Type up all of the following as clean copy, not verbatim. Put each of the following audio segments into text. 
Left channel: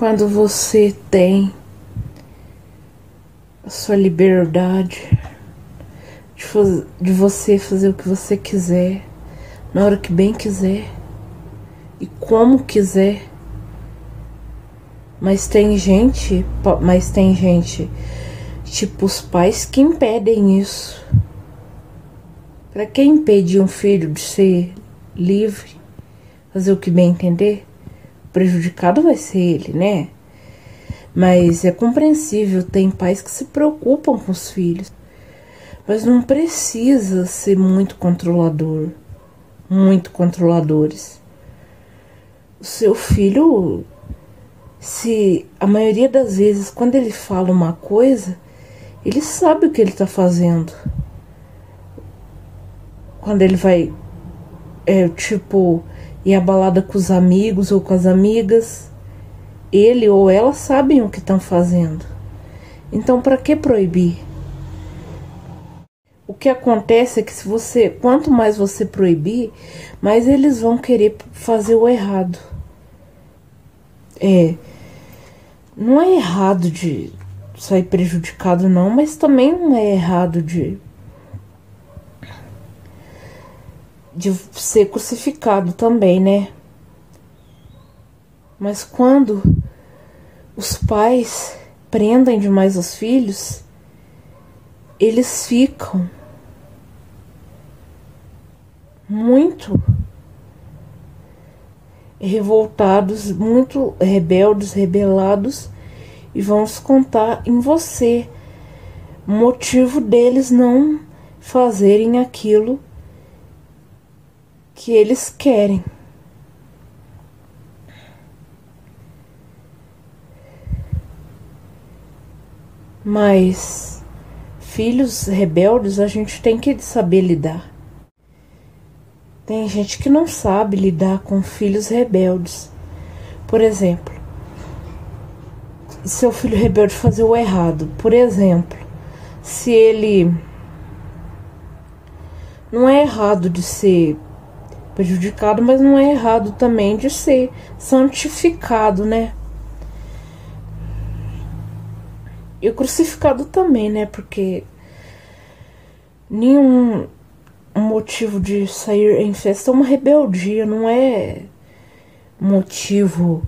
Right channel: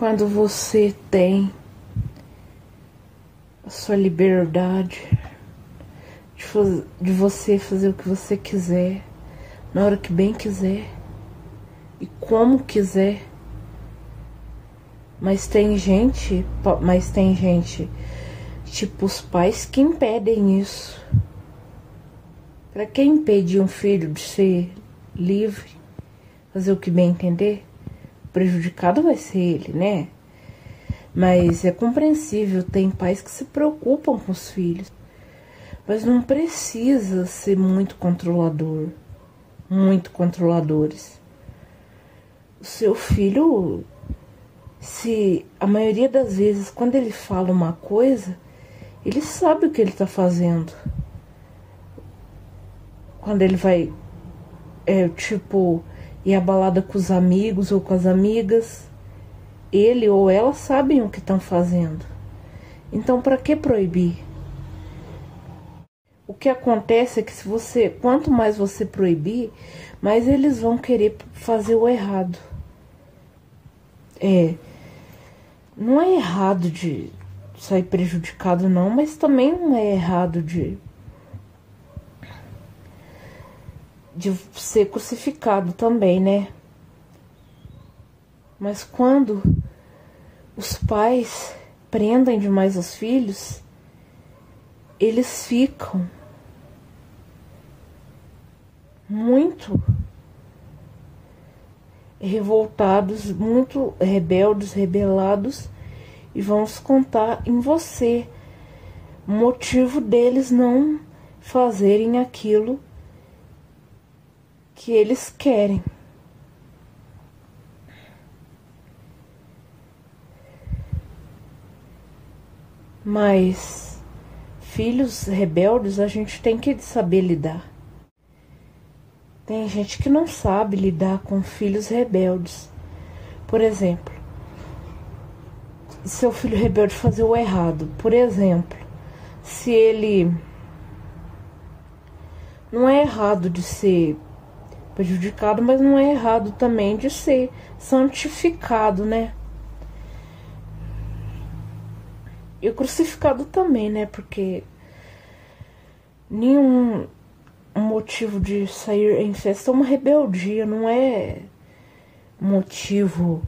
Quando você tem a sua liberdade de você fazer o que você quiser, na hora que bem quiser e como quiser. Mas tem gente, tipo os pais que impedem isso. Pra que impedir um filho de ser livre, fazer o que bem entender? O prejudicado vai ser ele, né? Mas é compreensível, tem pais que se preocupam com os filhos. Mas não precisa ser muito controlador, muito controladores. O seu filho, se a maioria das vezes, quando ele fala uma coisa, ele sabe o que ele está fazendo. Quando ele vai, ir à balada com os amigos ou com as amigas, ele ou ela sabem o que estão fazendo. Então, para que proibir? O que acontece é que quanto mais você proibir, mais eles vão querer fazer o errado. Não é errado de sair prejudicado não, mas também não é errado de ser crucificado também, né? Mas quando os pais prendem demais os filhos, eles ficam muito revoltados, muito rebeldes, rebelados, e vão descontar em você o motivo deles não fazerem aquilo que eles querem. Mas filhos rebeldes a gente tem que saber lidar. Tem gente que não sabe lidar com filhos rebeldes. Por exemplo, seu filho rebelde fazer o errado. Por exemplo, se ele não é errado de ser prejudicado, mas não é errado também de ser santificado, né? E crucificado também, né? Porque nenhum motivo de sair em festa é uma rebeldia, não é motivo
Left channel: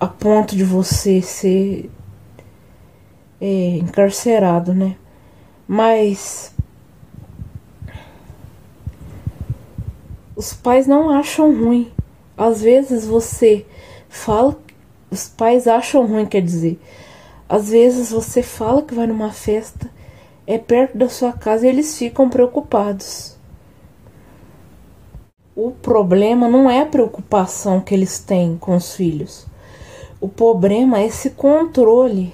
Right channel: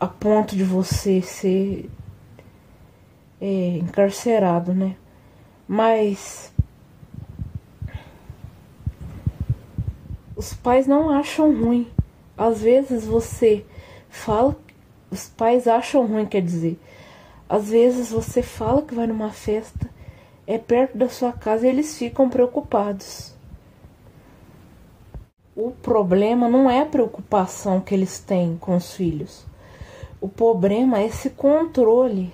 a ponto de você ser encarcerado, né? Mas os pais não acham ruim. Às vezes você fala, os pais acham ruim, quer dizer, às vezes você fala que vai numa festa, é perto da sua casa e eles ficam preocupados. O problema não é a preocupação que eles têm com os filhos. O problema é esse controle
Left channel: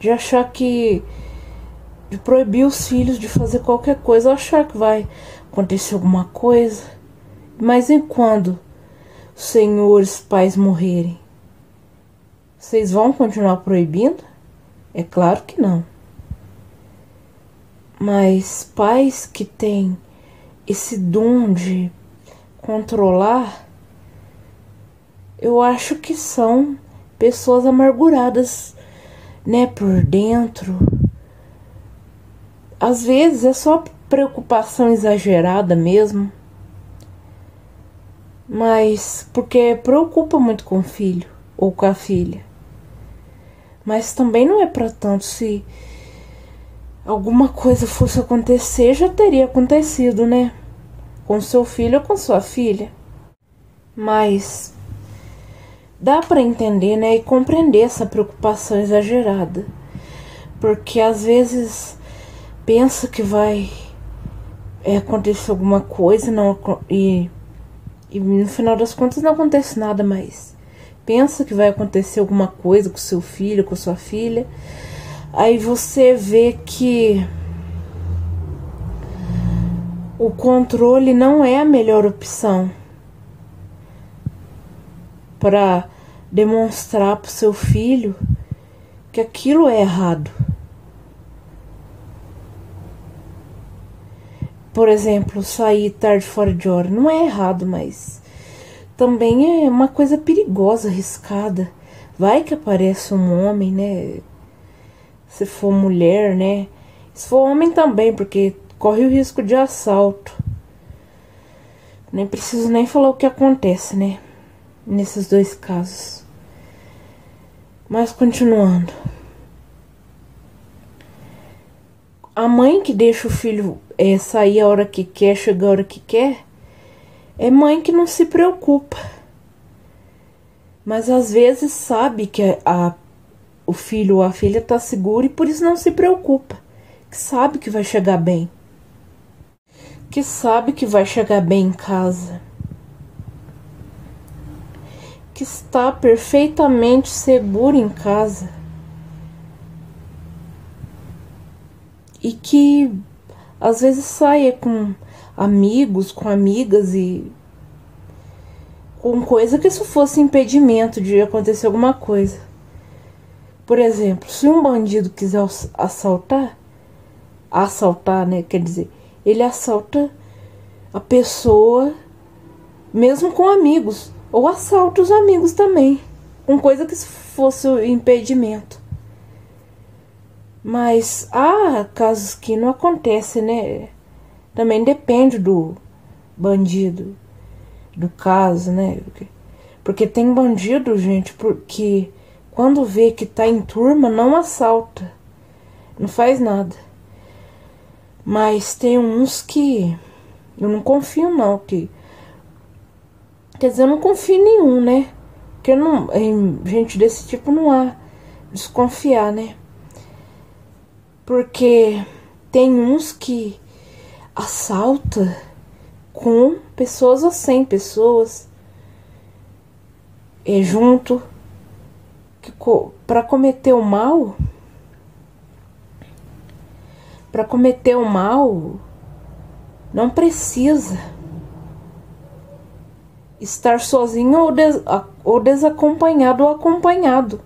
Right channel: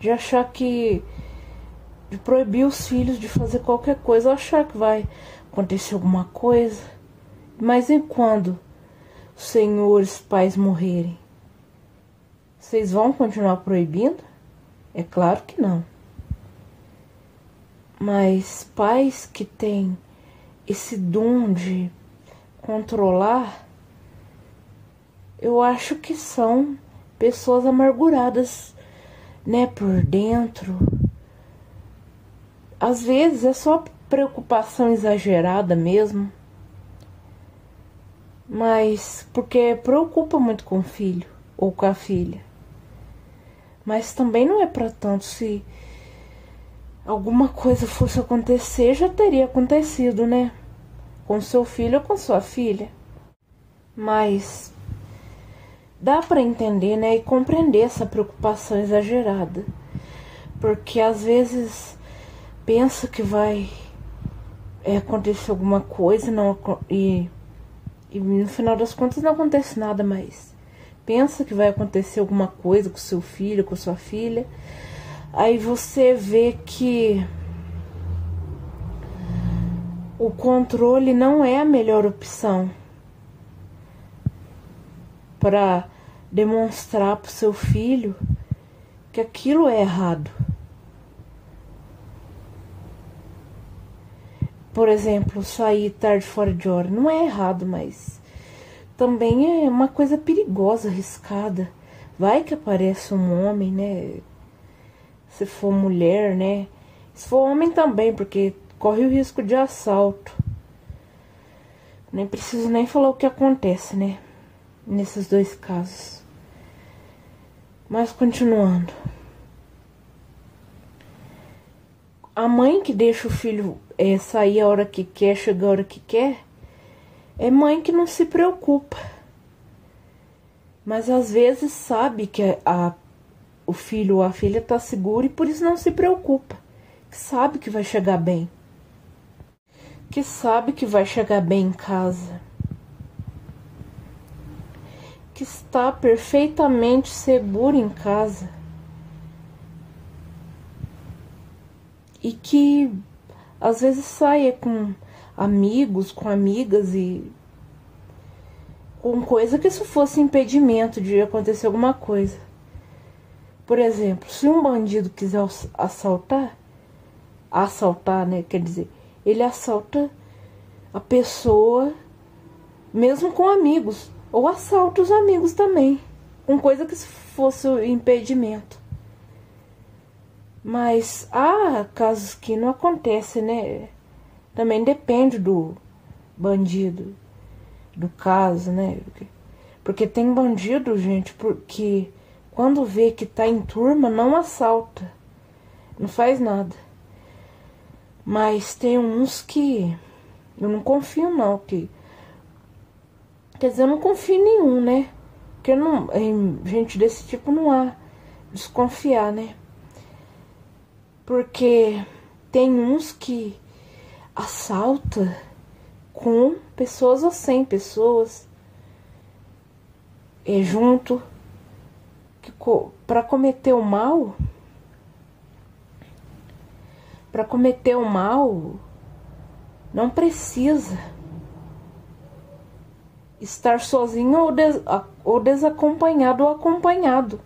de achar de proibir os filhos de fazer qualquer coisa, achar que vai acontecer alguma coisa. Mas e quando os senhores pais morrerem? Vocês vão continuar proibindo? É claro que não. Mas pais que têm esse dom de controlar, eu acho que são pessoas amarguradas, né, por dentro. Às vezes é só preocupação exagerada mesmo, mas porque preocupa muito com o filho ou com a filha. Mas também não é para tanto. Se alguma coisa fosse acontecer, já teria acontecido, né? Com seu filho ou com sua filha. Mas dá para entender, né? E compreender essa preocupação exagerada. Porque às vezes pensa que vai acontecer alguma coisa e no final das contas não acontece nada mais. Pensa que vai acontecer alguma coisa com seu filho, com sua filha. Aí você vê que o controle não é a melhor opção para demonstrar para o seu filho que aquilo é errado. Por exemplo, sair tarde fora de hora não é errado, mas também é uma coisa perigosa, arriscada. Vai que aparece um homem, né? Se for mulher, né? Se for homem também, porque corre o risco de assalto. Nem preciso nem falar o que acontece, né? Nesses dois casos. Mas continuando. A mãe que deixa o filho sair a hora que quer, chegar a hora que quer, é mãe que não se preocupa. Mas às vezes sabe que o filho ou a filha está seguro e por isso não se preocupa. Que sabe que vai chegar bem. Que sabe que vai chegar bem em casa. Que está perfeitamente seguro em casa. E que às vezes saia com amigos, com amigas e com coisa que isso fosse impedimento de acontecer alguma coisa. Por exemplo, se um bandido quiser assaltar, né, quer dizer, ele assalta a pessoa mesmo com amigos, ou assalta os amigos também, com coisa que fosse impedimento. Mas há casos que não acontece, né? Também depende do bandido, do caso, né? Porque tem bandido, gente, porque quando vê que tá em turma, não assalta, não faz nada. Mas tem uns que eu não confio não, quer dizer, eu não confio em nenhum, né? Porque não, em gente desse tipo não há desconfiar, né? Porque tem uns que assalta com pessoas ou sem pessoas junto, que para cometer o mal, não precisa estar sozinho ou desacompanhado ou acompanhado.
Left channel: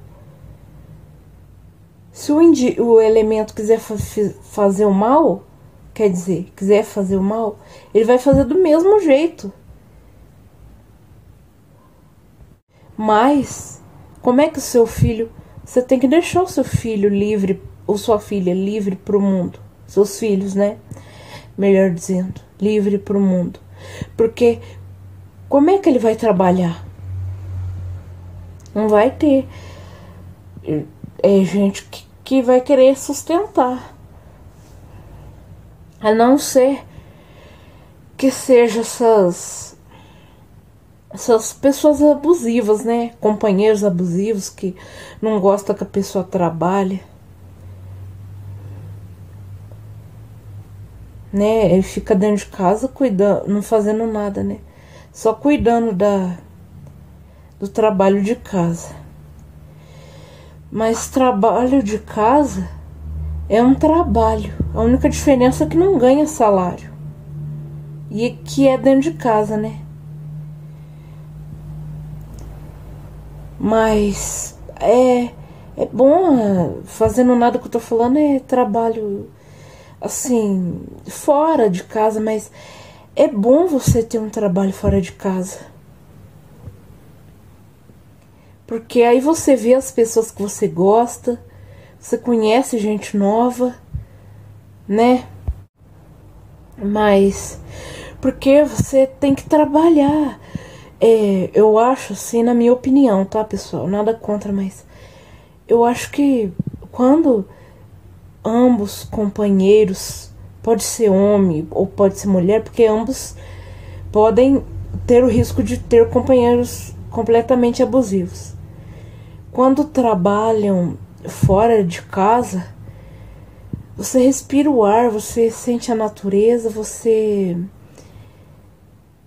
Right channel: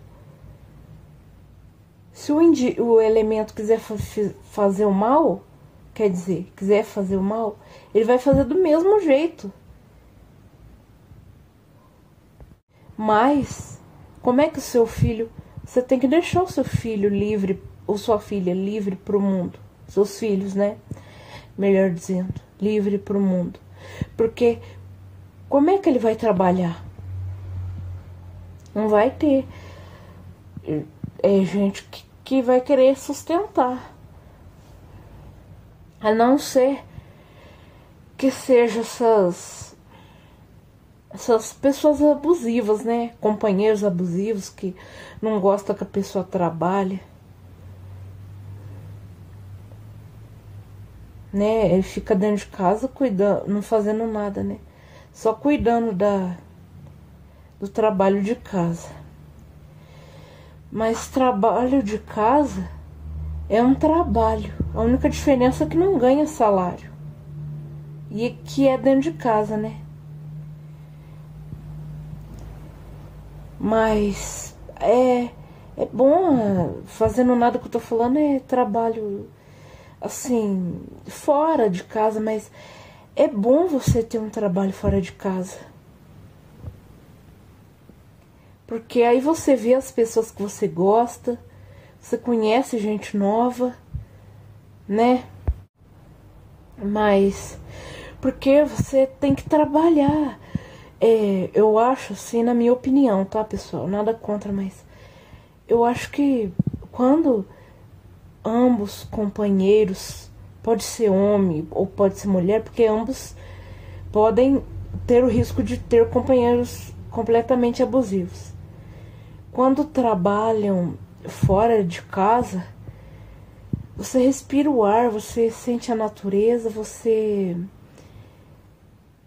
Se o elemento quiser fazer o mal, quer dizer, quiser fazer o mal, ele vai fazer do mesmo jeito. Mas, como é que você tem que deixar o seu filho livre, ou sua filha livre para o mundo. Seus filhos, né? Melhor dizendo, livre para o mundo. Porque, como é que ele vai trabalhar? Não vai ter gente que vai querer sustentar. A não ser que seja essas pessoas abusivas, né? Companheiros abusivos que não gostam que a pessoa trabalhe. Né? Ele fica dentro de casa cuidando, não fazendo nada, né? Só cuidando do trabalho de casa. Mas trabalho de casa é um trabalho. A única diferença é que não ganha salário. E que é dentro de casa, né? Mas é bom, fazendo nada que eu tô falando é trabalho assim, fora de casa, mas é bom você ter um trabalho fora de casa. Porque aí você vê as pessoas que você gosta, você conhece gente nova, né? Mas porque você tem que trabalhar. Eu acho assim, na minha opinião, tá, pessoal? Nada contra, mas eu acho que quando ambos companheiros, pode ser homem ou pode ser mulher, porque ambos podem ter o risco de ter companheiros completamente abusivos. Quando trabalham fora de casa, você respira o ar, você sente a natureza, você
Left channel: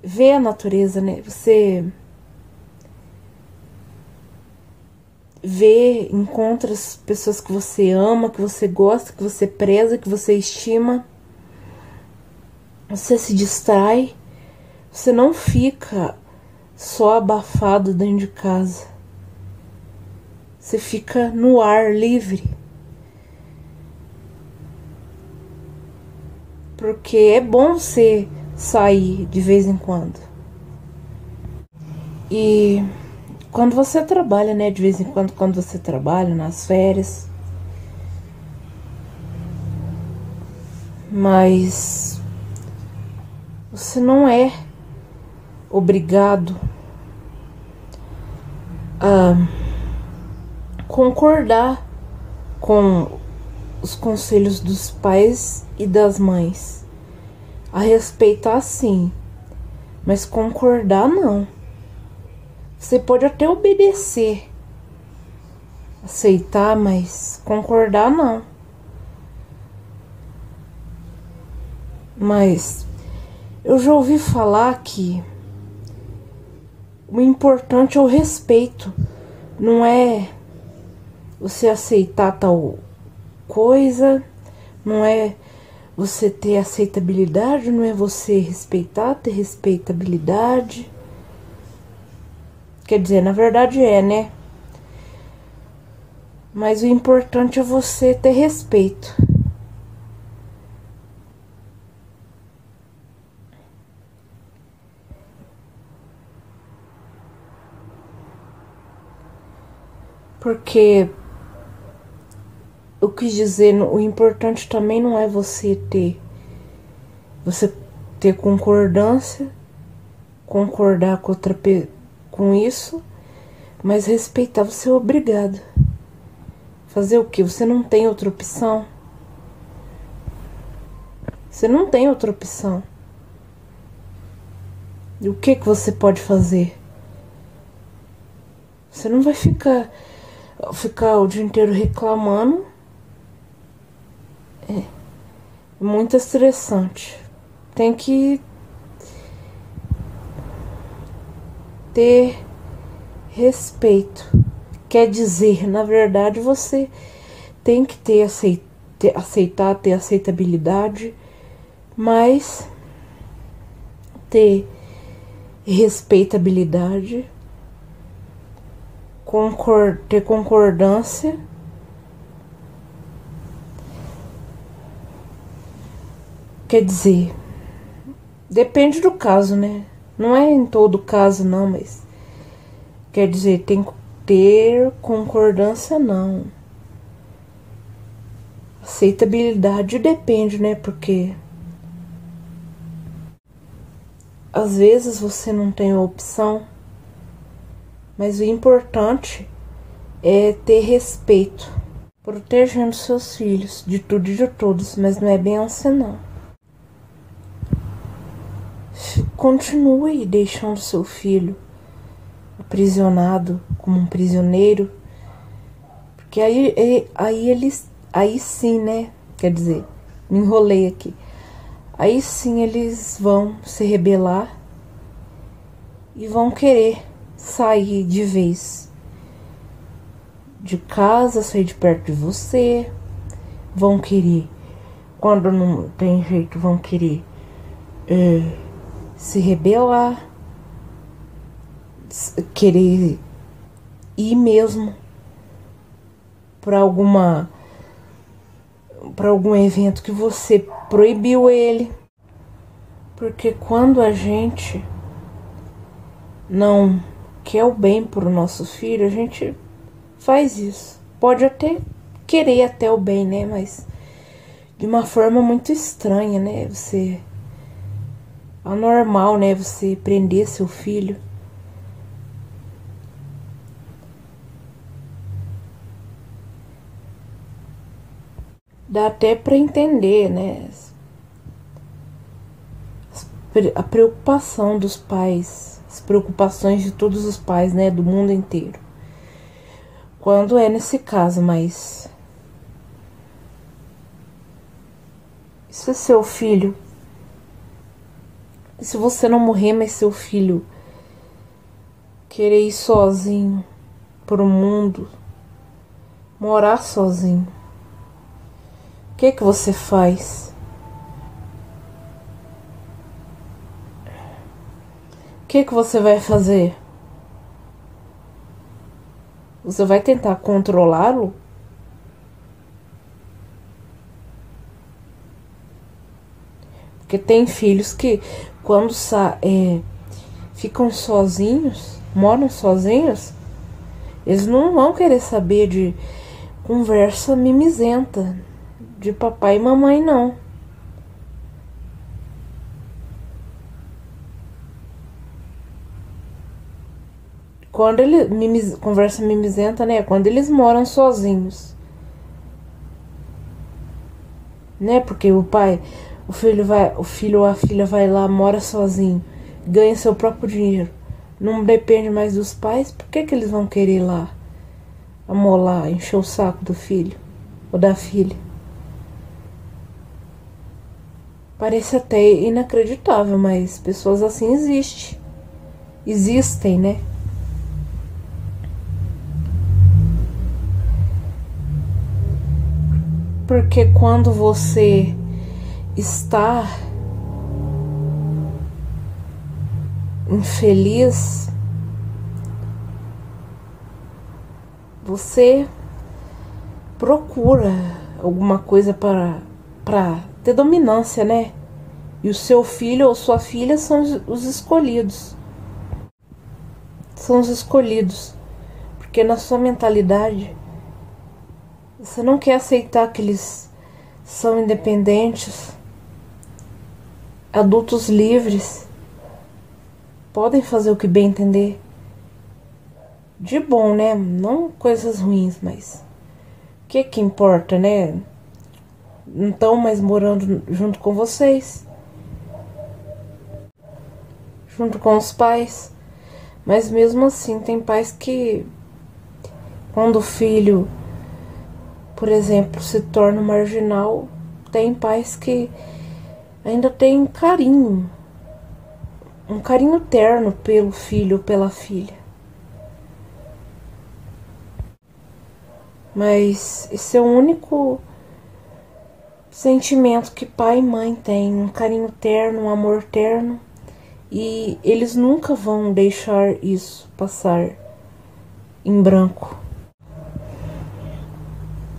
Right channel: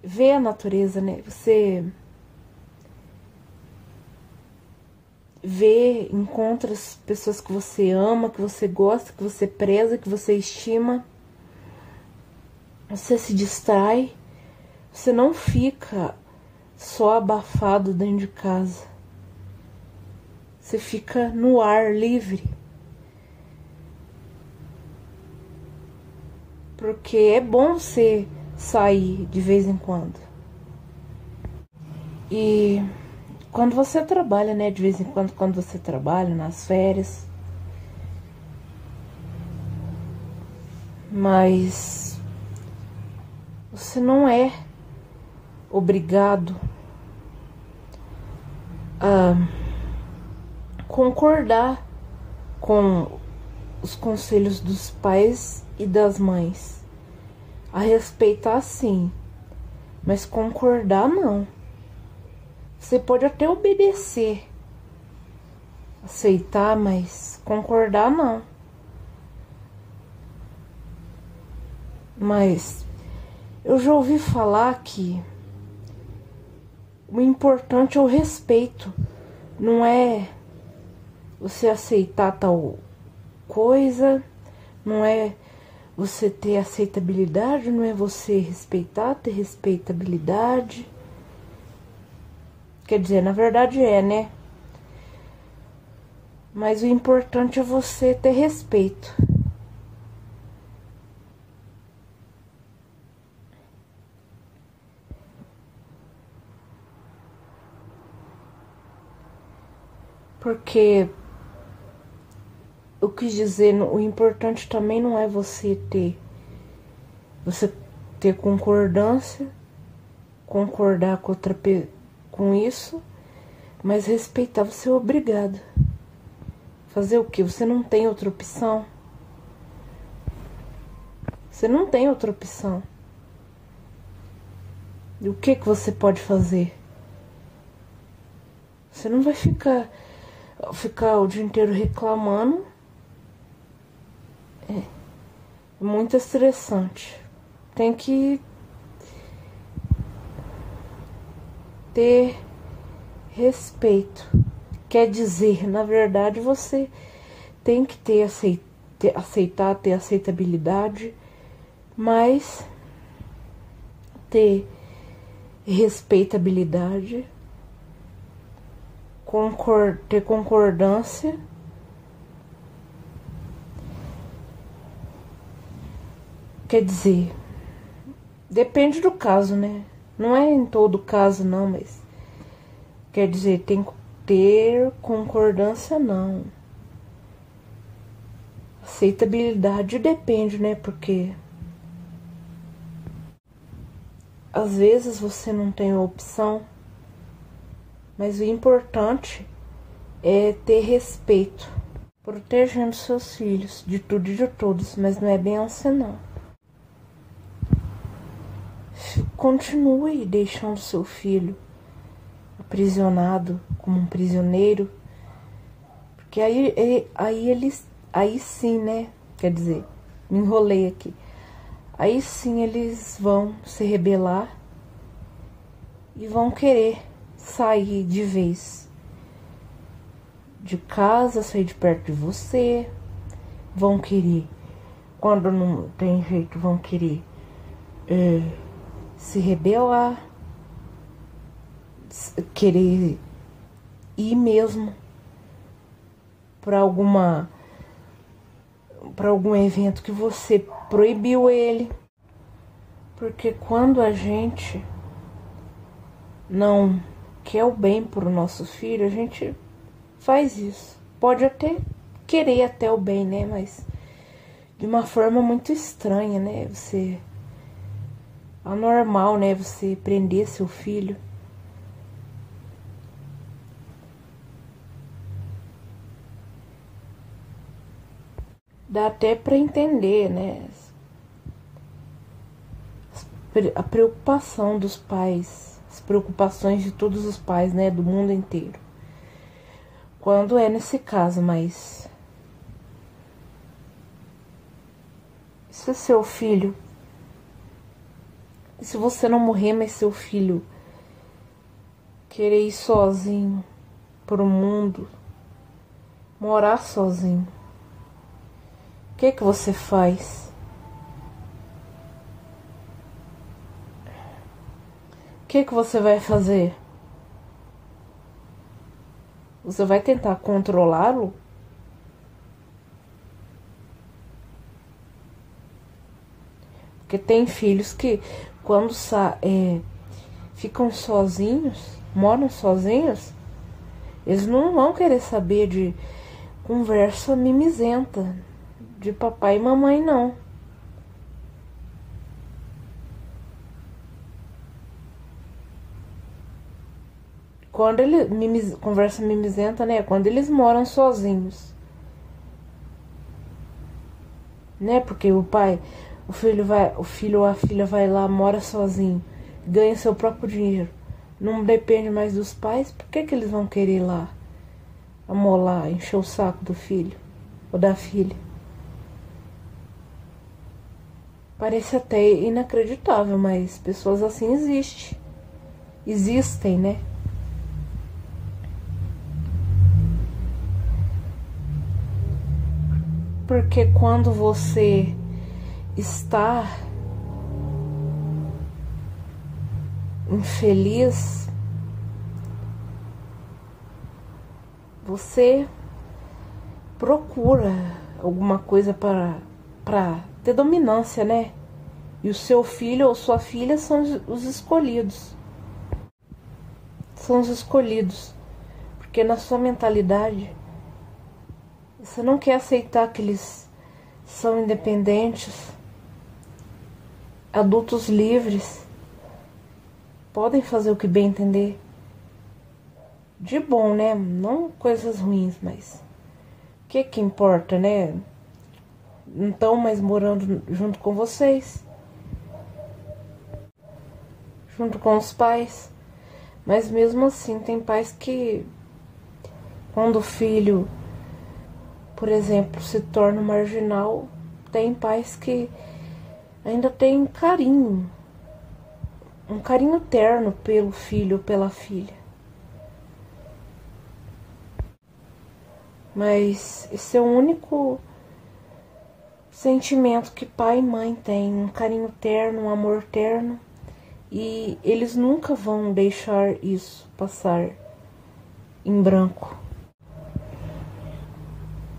vê a natureza, né? Você vê, encontra as pessoas que você ama, que você gosta, que você preza, que você estima. Você se distrai, você não fica só abafado dentro de casa. Você fica no ar livre. Porque é bom você sair de vez em quando. E quando você trabalha, né, de vez em quando você trabalha nas férias, mas você não é obrigado a concordar com os conselhos dos pais e das mães. A respeitar, sim, mas concordar, não. Você pode até obedecer, aceitar, mas concordar, não. Mas eu já ouvi falar que o importante é o respeito, não é você aceitar tal coisa, não é você ter aceitabilidade, não é você respeitar, ter respeitabilidade. Quer dizer, na verdade é, né? Mas o importante é você ter respeito. Porque eu quis dizer, o importante também não é você ter concordância, concordar com com isso, mas respeitar. Você é obrigado. Fazer o quê? Você não tem outra opção. Você não tem outra opção. E o que você pode fazer? Você não vai ficar o dia inteiro reclamando. É muito estressante. Tem que ter respeito. Quer dizer, na verdade, você tem que aceitar, ter aceitabilidade, mas ter respeitabilidade, ter concordância. Quer dizer, depende do caso, né? Não é em todo caso, não, mas quer dizer, tem que ter concordância, não. Aceitabilidade depende, né? Porque às vezes você não tem opção, mas o importante é ter respeito, protegendo seus filhos de tudo e de todos, mas não é bem assim, não. Continue deixando seu filho aprisionado como um prisioneiro, porque aí sim, né? Quer dizer, me enrolei aqui. Aí sim eles vão se rebelar e vão querer sair de vez de casa, sair de perto de você. Vão querer, quando não tem jeito, vão querer se rebelar, querer ir mesmo para algum evento que você proibiu ele. Porque quando a gente não quer o bem pro nosso filho, a gente faz isso. Pode até querer até o bem, né? Mas de uma forma muito estranha, né? Você... anormal, né? Você prender seu filho. Dá até pra entender, né? A preocupação dos pais, as preocupações de todos os pais, né? Do mundo inteiro. Quando é nesse caso, mas se seu filho, se você não morrer, mas seu filho querer ir sozinho pro mundo, morar sozinho, o que você faz? O que você vai fazer? Você vai tentar controlá-lo? Porque tem filhos que quando ficam sozinhos, moram sozinhos, eles não vão querer saber de conversa mimizenta de papai e mamãe, não. Quando ele conversa mimizenta, né? Quando eles moram sozinhos, né? Porque o filho ou a filha vai lá, mora sozinho, ganha seu próprio dinheiro, não depende mais dos pais. Por que eles vão querer ir lá amolar, encher o saco do filho ou da filha? Parece até inacreditável, mas pessoas assim existem, né? Porque quando você está infeliz, você procura alguma coisa para ter dominância, né? E o seu filho ou sua filha são os escolhidos. São os escolhidos. Porque na sua mentalidade, você não quer aceitar que eles são independentes, adultos livres, podem fazer o que bem entender. De bom, né? Não coisas ruins, mas o que importa, né? Não estão mais morando junto com vocês, junto com os pais. Mas mesmo assim, tem pais que, quando o filho, por exemplo, se torna marginal, tem pais que ainda têm carinho, um carinho terno pelo filho ou pela filha. Mas esse é o único sentimento que pai e mãe têm, um carinho terno, um amor terno. E eles nunca vão deixar isso passar em branco.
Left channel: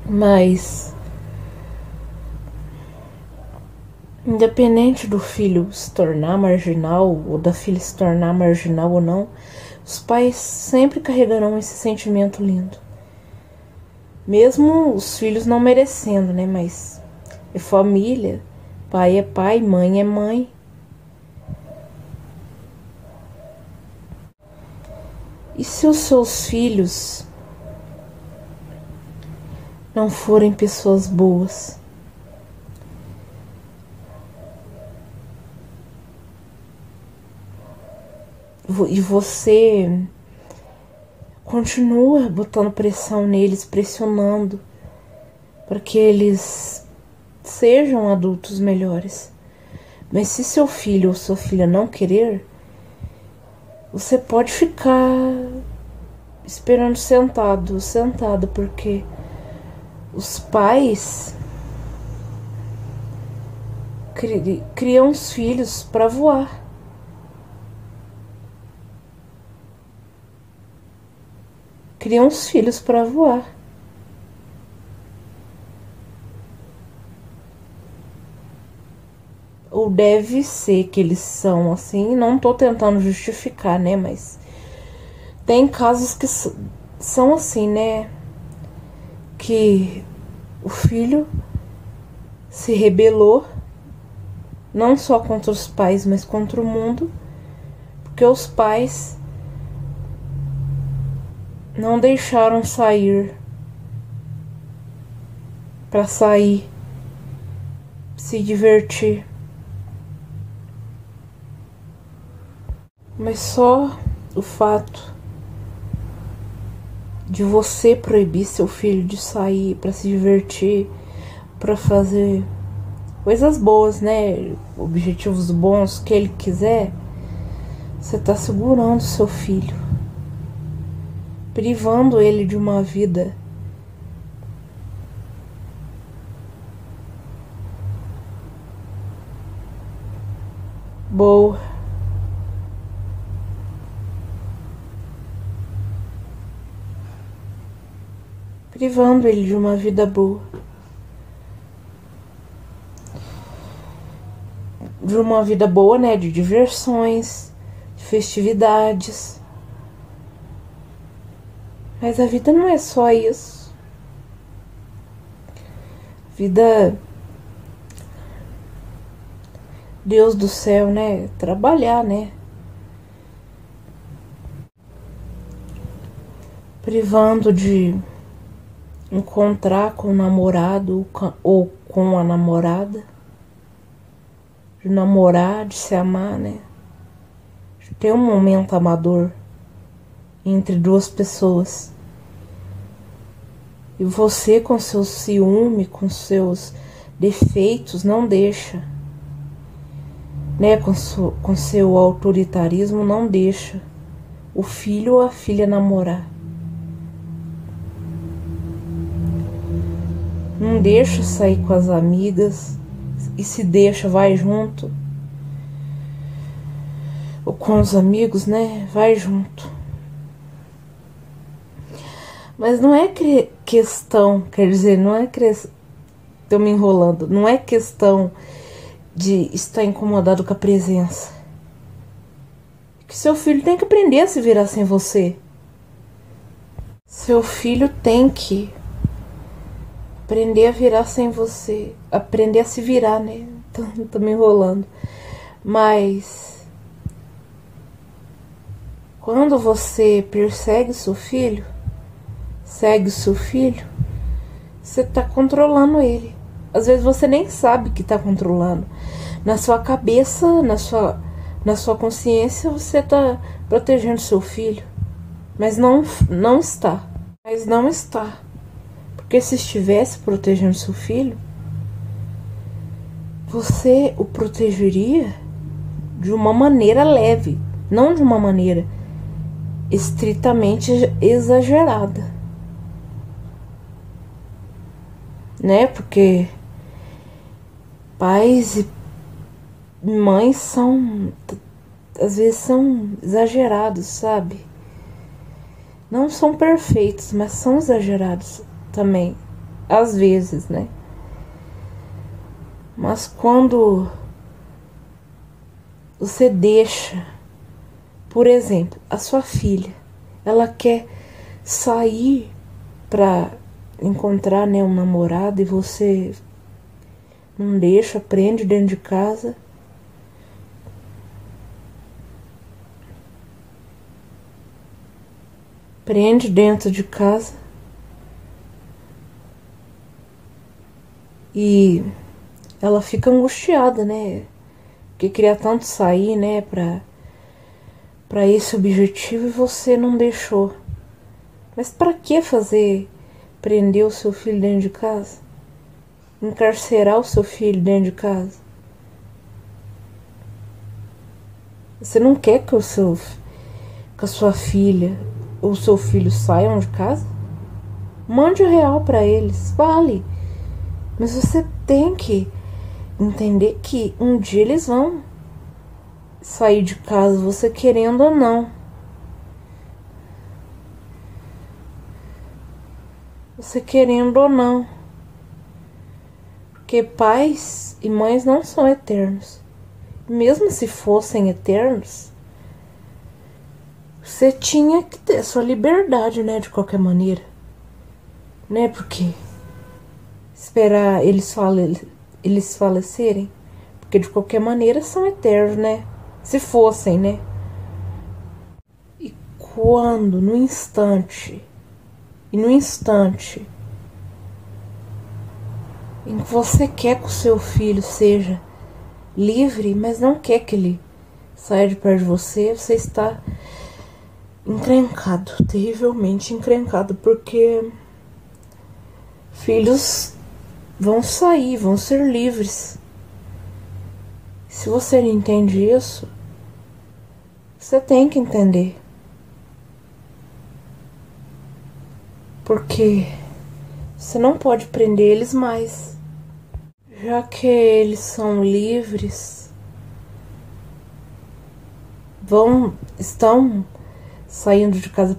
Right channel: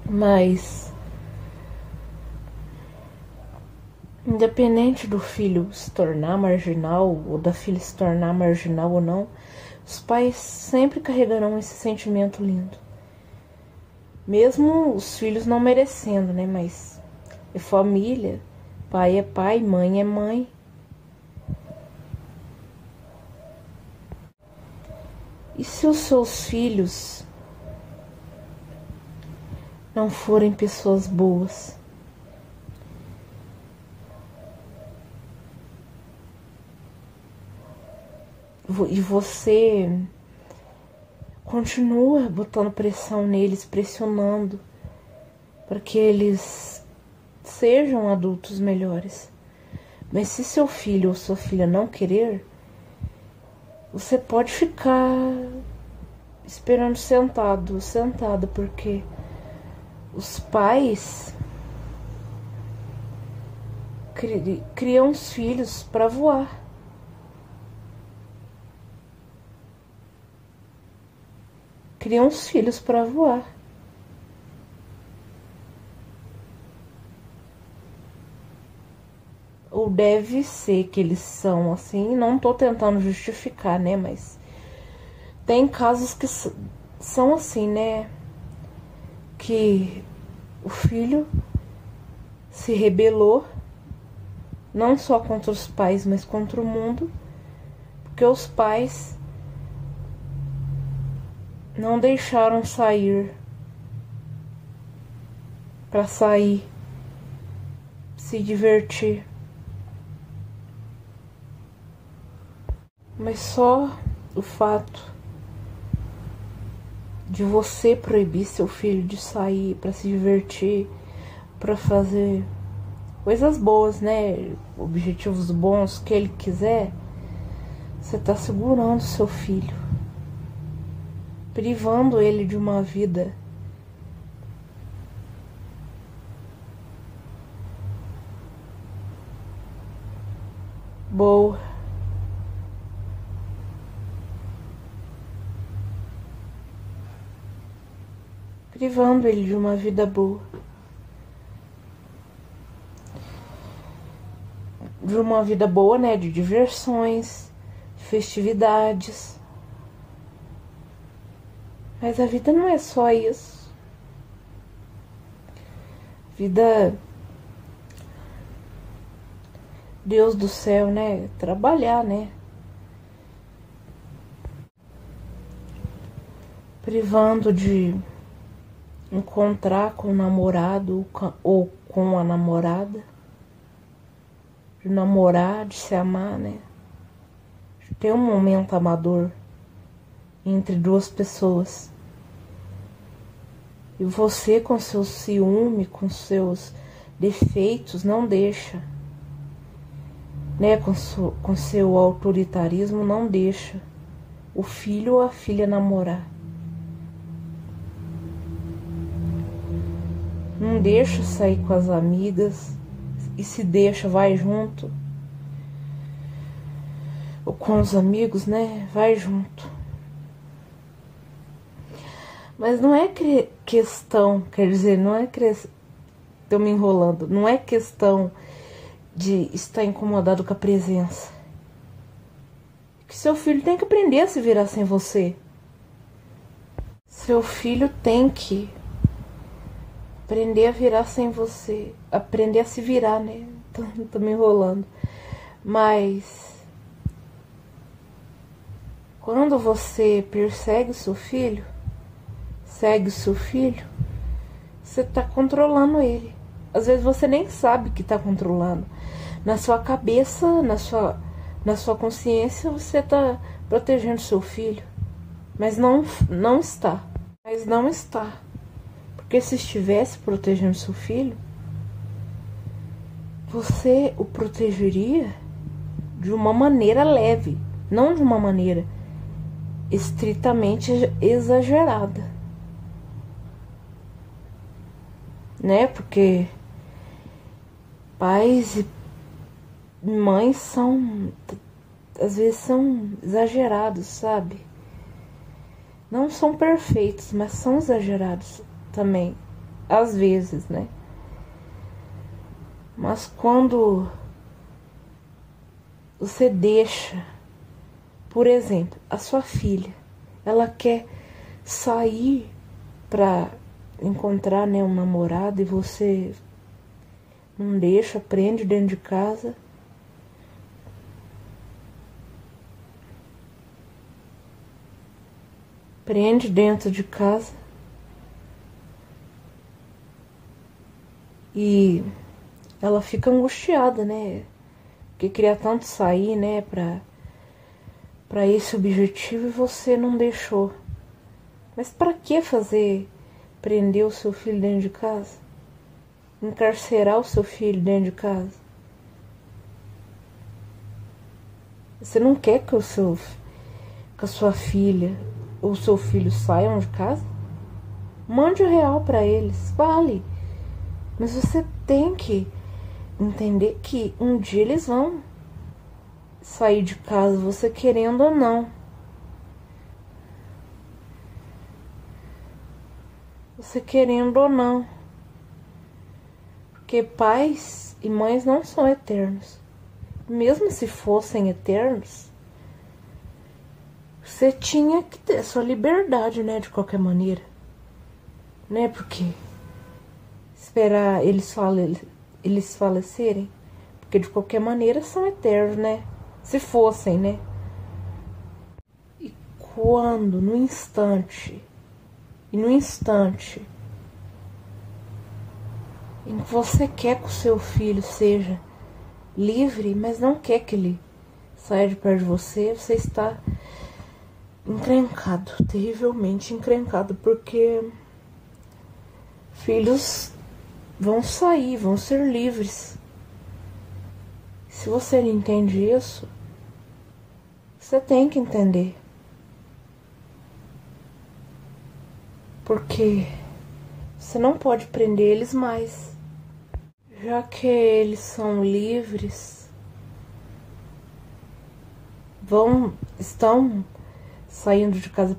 Mas, independente do filho se tornar marginal, ou da filha se tornar marginal ou não, os pais sempre carregarão esse sentimento lindo. Mesmo os filhos não merecendo, né? Mas é família, pai é pai, mãe é mãe. E se os seus filhos não forem pessoas boas? E você continua botando pressão neles, pressionando para que eles sejam adultos melhores. Mas se seu filho ou sua filha não querer, você pode ficar esperando sentada, porque os pais criam os filhos para voar. Criam os filhos para voar. Ou deve ser que eles são assim. Não tô tentando justificar, né? Mas tem casos que são assim, né? Que o filho se rebelou, não só contra os pais, mas contra o mundo, porque os pais não deixaram sair para sair, se divertir. Mas só o fato de você proibir seu filho de sair para se divertir, para fazer coisas boas, né? Objetivos bons que ele quiser, você tá segurando seu filho, privando ele de uma vida boa. Privando ele de uma vida boa. De uma vida boa, né? De diversões, de festividades. Mas a vida não é só isso. Vida, Deus do céu, né? Trabalhar, né? Privando de encontrar com o namorado ou com a namorada. De namorar, de se amar, né? De ter um momento amador entre duas pessoas. E você, com seu ciúme, com seus defeitos, não deixa, né? Com seu autoritarismo, não deixa o filho ou a filha namorar. Não deixa sair com as amigas, e se deixa, vai junto. Ou com os amigos, né? Vai junto. Mas não é questão, quer dizer, não é tô me enrolando, não é questão de estar incomodado com a presença. Que seu filho tem que aprender a se virar sem você. Seu filho tem que aprender a virar sem você, aprender a se virar, né? Tô me enrolando. Mas quando você persegue seu filho, segue o seu filho, você tá controlando ele. Às vezes você nem sabe que tá controlando. Na sua cabeça, na sua consciência, você tá protegendo seu filho. Mas não está. Mas não está. Porque se estivesse protegendo seu filho, você o protegeria de uma maneira leve, não de uma maneira estritamente exagerada. Né? Porque pais e mães às vezes são exagerados, sabe? Não são perfeitos, mas são exagerados também, às vezes, né? Mas quando você deixa, por exemplo, a sua filha, ela quer sair pra encontrar, né, um namorado, e você não deixa, prende dentro de casa. Prende dentro de casa. E ela fica angustiada, né? Porque queria tanto sair, né, pra esse objetivo, e você não deixou. Mas pra que prender o seu filho dentro de casa? Encarcerar o seu filho dentro de casa? Você não quer que a sua filha ou seu filho saiam de casa? Mande o real pra eles, vale. Mas você tem que entender que um dia eles vão sair de casa, você querendo ou não. Você querendo ou não. Porque pais e mães não são eternos. Mesmo se fossem eternos, você tinha que ter sua liberdade, né? De qualquer maneira. Né? Porque esperar eles falecerem. Porque de qualquer maneira são eternos, né? Se fossem, né? E quando, no instante em que você quer que o seu filho seja livre, mas não quer que ele saia de perto de você, você está encrencado, terrivelmente encrencado, porque filhos vão sair, vão ser livres. Se você não entende isso, você tem que entender. Porque você não pode prender eles mais. Já que eles são livres, estão saindo de casa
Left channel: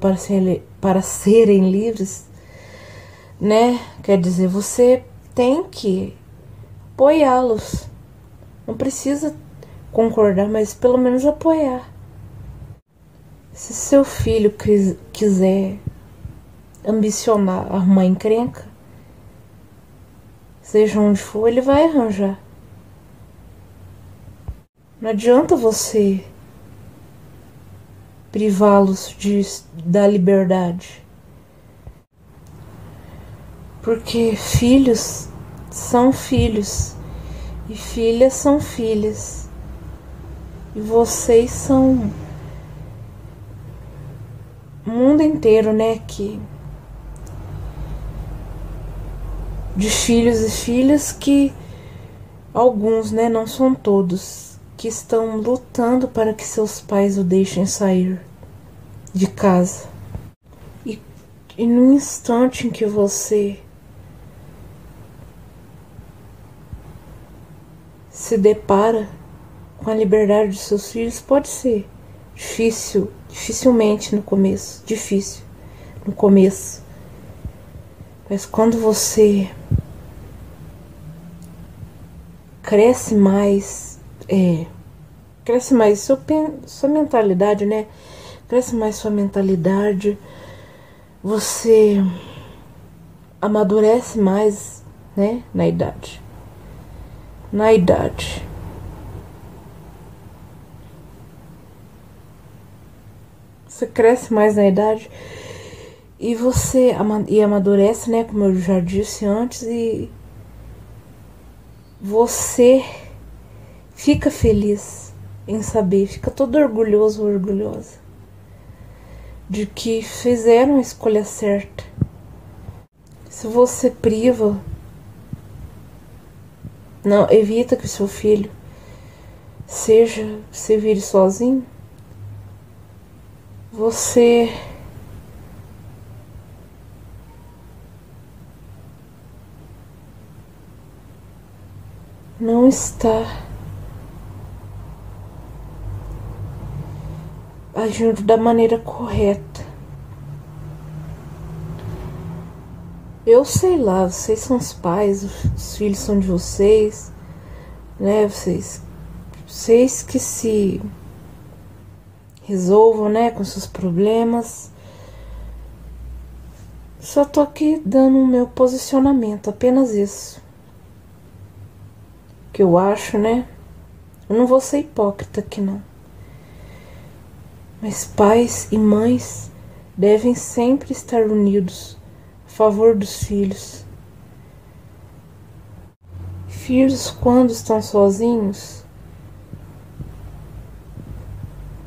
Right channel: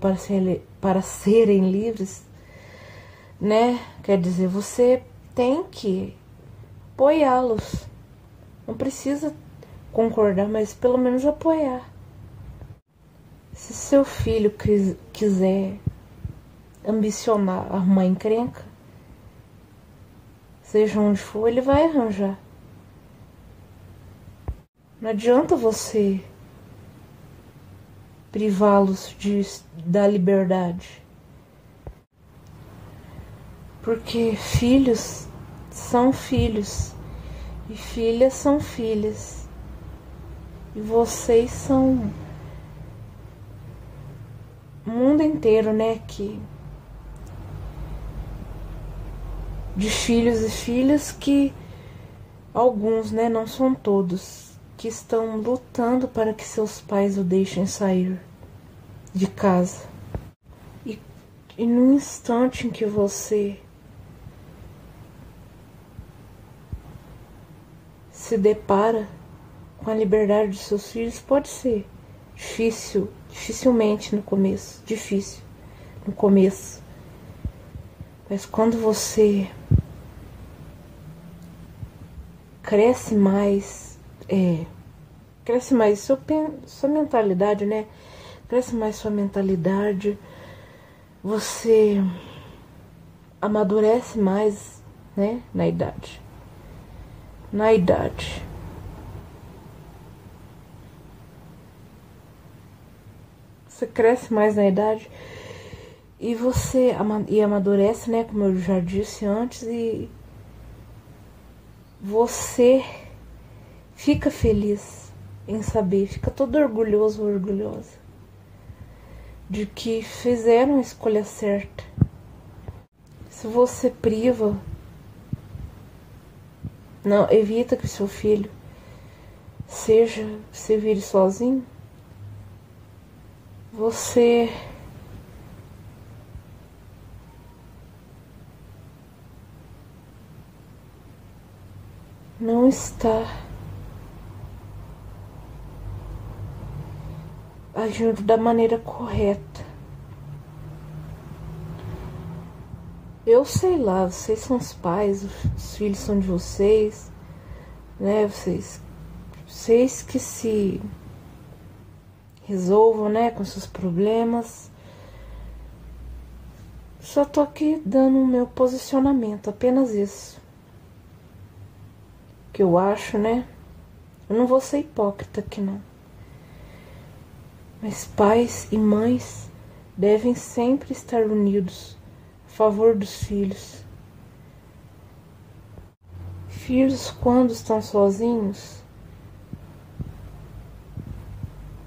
para serem livres, né? Quer dizer, você tem que apoiá-los. Não precisa concordar, mas pelo menos apoiar. Se seu filho quiser ambicionar arrumar encrenca, seja onde for, ele vai arranjar. Não adianta você privá-los da liberdade. Porque filhos são filhos e filhas são filhas. E vocês são o mundo inteiro, né? De filhos e filhas que alguns, né? Não são todos, que estão lutando para que seus pais o deixem sair de casa. E no instante em que você se depara com a liberdade de seus filhos, pode ser dificilmente no começo, difícil no começo, mas quando você cresce mais sua mentalidade, né? Cresce mais sua mentalidade, você amadurece mais, né? Na idade. Você cresce mais na idade e você amadurece, né? Como eu já disse antes, e você fica feliz em saber, fica todo orgulhoso ou orgulhosa de que fizeram a escolha certa. Se você priva, não, evita que o seu filho se vire sozinho, você não está agindo da maneira correta. Eu sei lá, vocês são os pais, os filhos são de vocês, né? Vocês que se resolvam, né, com seus problemas. Só tô aqui dando o meu posicionamento, apenas isso. Que eu acho, né? Eu não vou ser hipócrita aqui, não. Mas pais e mães devem sempre estar unidos a favor dos filhos. Filhos, quando estão sozinhos,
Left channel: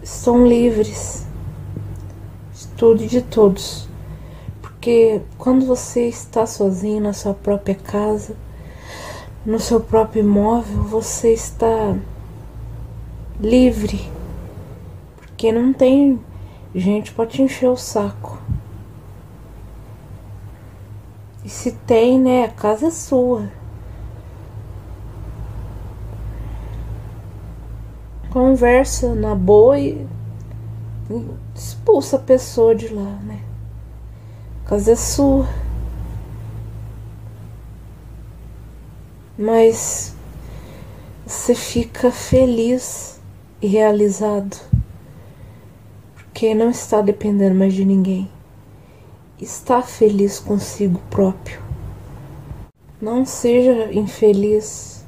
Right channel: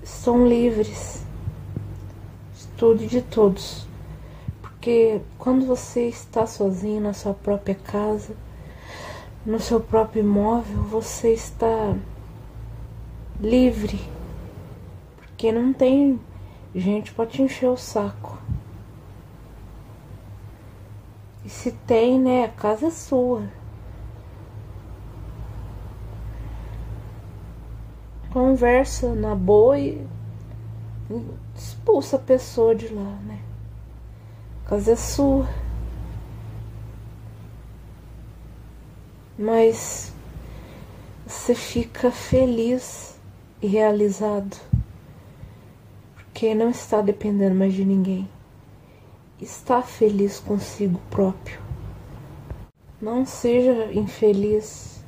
estão livres de tudo e de todos. Porque quando você está sozinho na sua própria casa, no seu próprio imóvel, você está livre. Porque não tem gente para te encher o saco. E se tem, né, a casa é sua. Conversa na boa e expulsa a pessoa de lá, né? A casa é sua. Mas você fica feliz e realizado. Porque não está dependendo mais de ninguém. Está feliz consigo próprio. Não seja infeliz.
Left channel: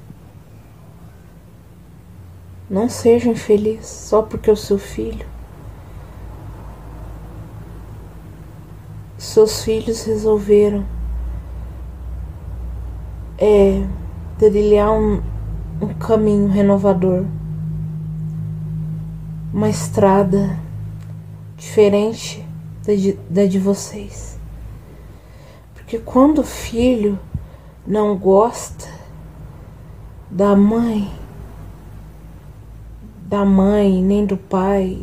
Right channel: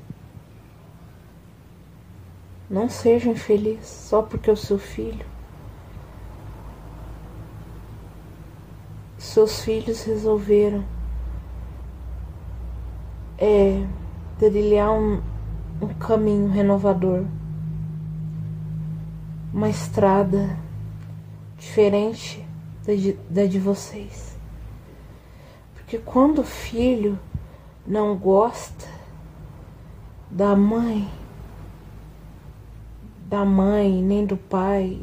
Não seja infeliz só porque o seu filho. Seus filhos resolveram trilhar um caminho renovador. Uma estrada diferente da de vocês. Porque quando o filho não gosta da mãe nem do pai,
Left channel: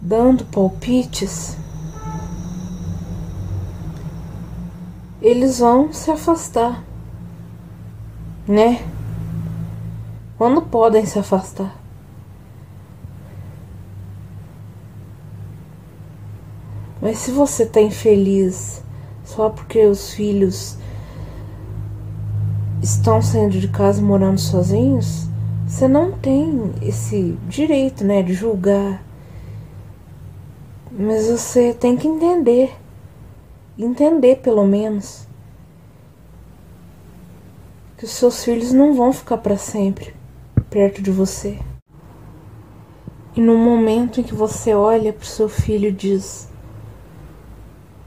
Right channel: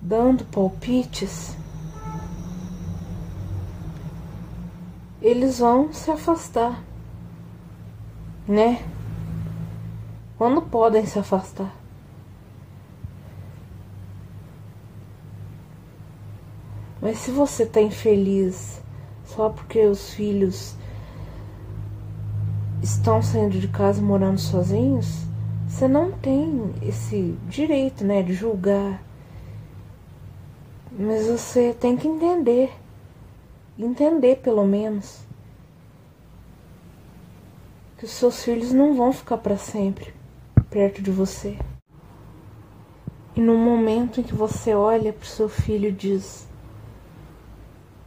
dando palpites, eles vão se afastar, né? Quando podem se afastar. Mas se você está infeliz só porque os filhos estão saindo de casa morando sozinhos, você não tem esse direito, né, de julgar. Mas você tem que entender entender pelo menos que os seus filhos não vão ficar para sempre perto de você. E no momento em que você olha para o seu filho e diz:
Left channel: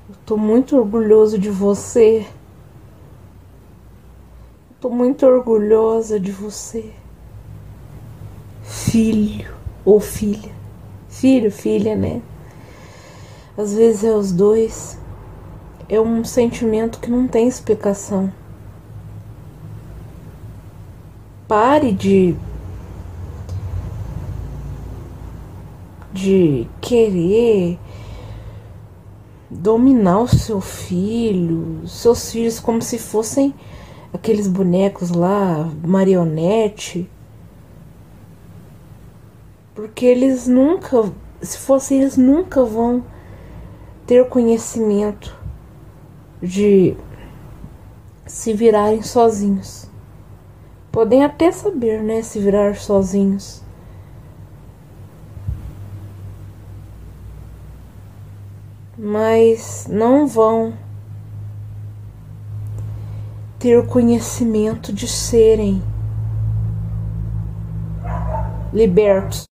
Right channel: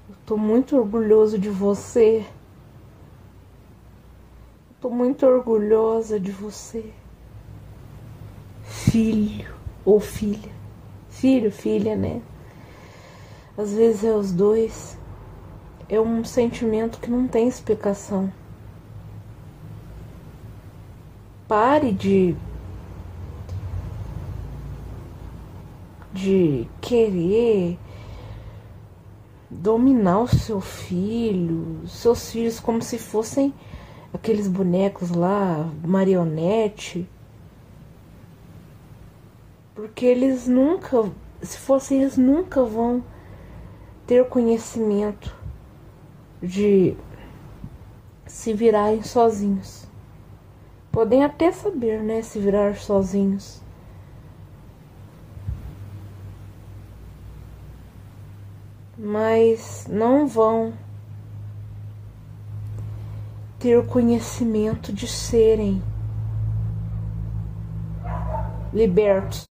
eu tô muito orgulhoso de você. Eu tô muito orgulhosa de você. Filho ou filha. Filho, filha, né? Às vezes é os dois. É um sentimento que não tem explicação. Pare de querer dominar o seu filho, seus filhos, como se fossem aqueles bonecos lá, marionete. Porque eles nunca, se fossem, eles nunca vão ter conhecimento de se virarem sozinhos. Podem até saber, né, se virar sozinhos. Mas não vão ter o conhecimento de serem libertos.